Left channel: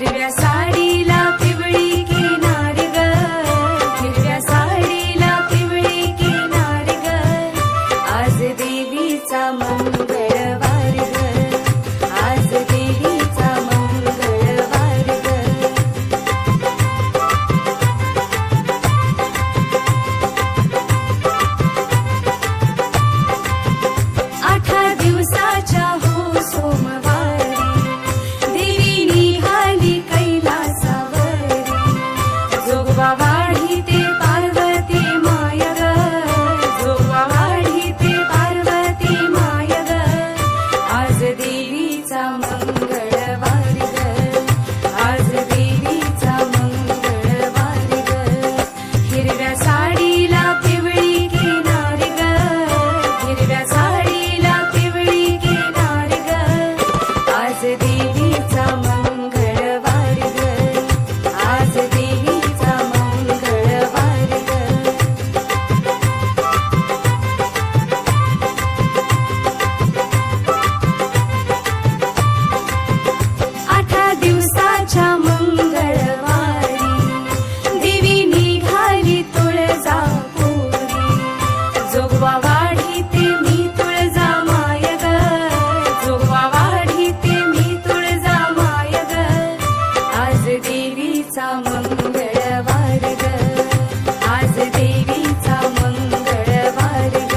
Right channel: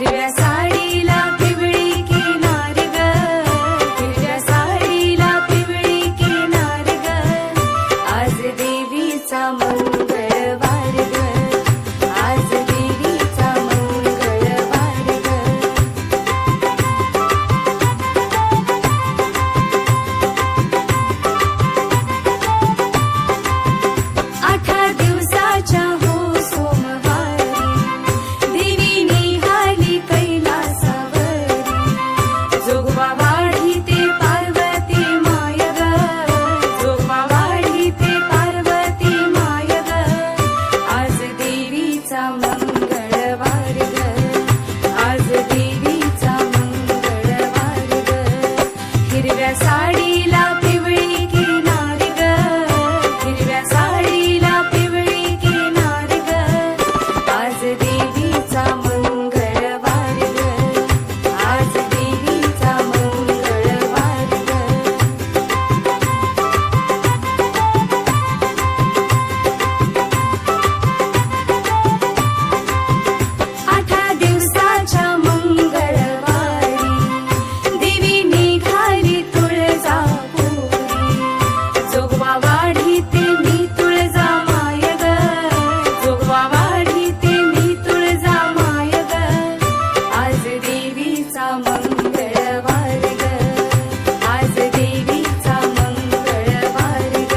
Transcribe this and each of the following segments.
हिरव्या साडीला पिवळी किनार ग, हिरव्या साडीला पिवळी किनार ग, आज देवीचा मंगळवार ग, आज देवीचा मंगळवार ग. 8 दिवसाच्या हो सोमवारी देवी निघाली कैलासावरी, जोगवा वाढी ते पार्वती माय ग, जोगवा वाढी ते पार्वती माय ग, आज देवीचा मंगळवार ग, आज देवीचा मंगळवार ग. हिरव्या साडीला पिवळी किनार ग, हिरव्या साडीला पिवळी किनार ग, आज देवीचा मंगळवार ग, आज देवीचा मंगळवार ग. 8 दिवसाच्या मंगळवारी देवी निघाली तुळजापुरी, जोगवा वाढी ते मी तुळजा माय ग, जोगवा वाढी ते मी तुळजा माय ग, आज देवीचा मंगळवार ग, आज देवीचा मंगळवार ग.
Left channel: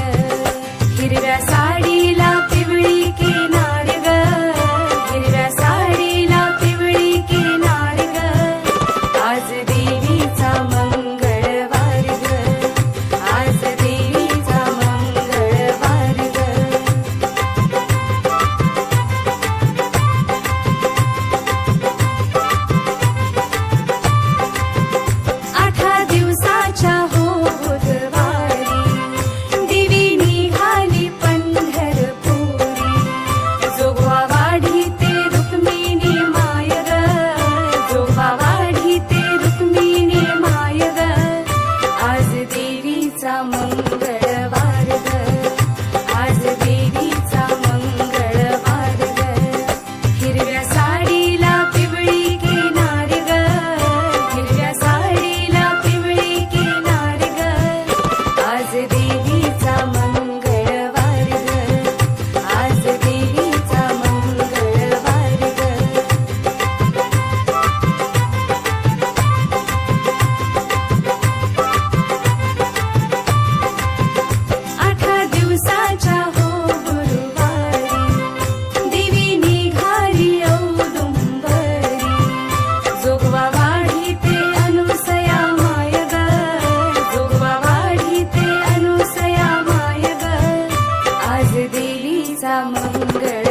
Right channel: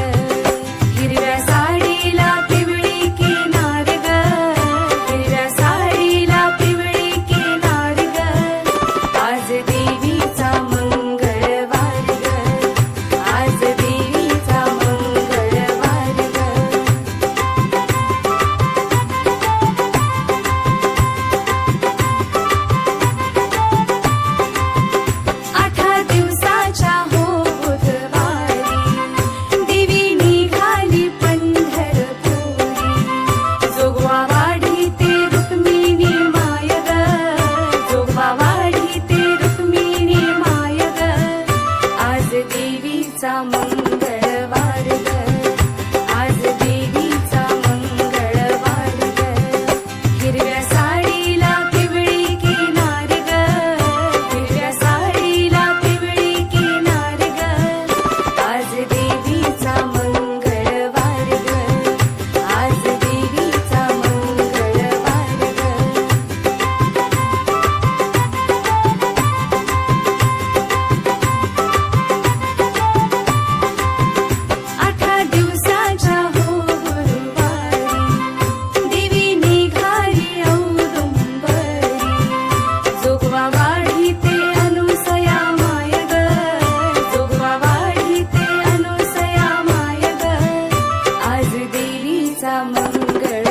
हिरव्या साडीला पिवळी किनार ग, हिरव्या साडीला पिवळी किनार ग, आज देवीचा मंगळवार ग, आज देवीचा मंगळवार ग. 8 दिवसाच्या हो बुधवारी देवी निघाली पंढरपुरी, जोगवा वाढी ते रुक्मिणी माय ग, जोगवा वाढी ते रुक्मिणी माय ग, आज देवीचा मंगळवार ग, आज देवीचा मंगळवार ग. हिरव्या साडीला पिवळी किनार ग, हिरव्या साडीला पिवळी किनार ग, आज देवीचा मंगळवार ग, आज देवीचा मंगळवार ग. 8 दिवसाच्या हो गुरुवारी देवी निघाली औदुंबरी, जोगवा वाढी ते अनुसया माय ग, जोगवा वाढी ते अनुसया माय ग, आज देवीचा मंगळ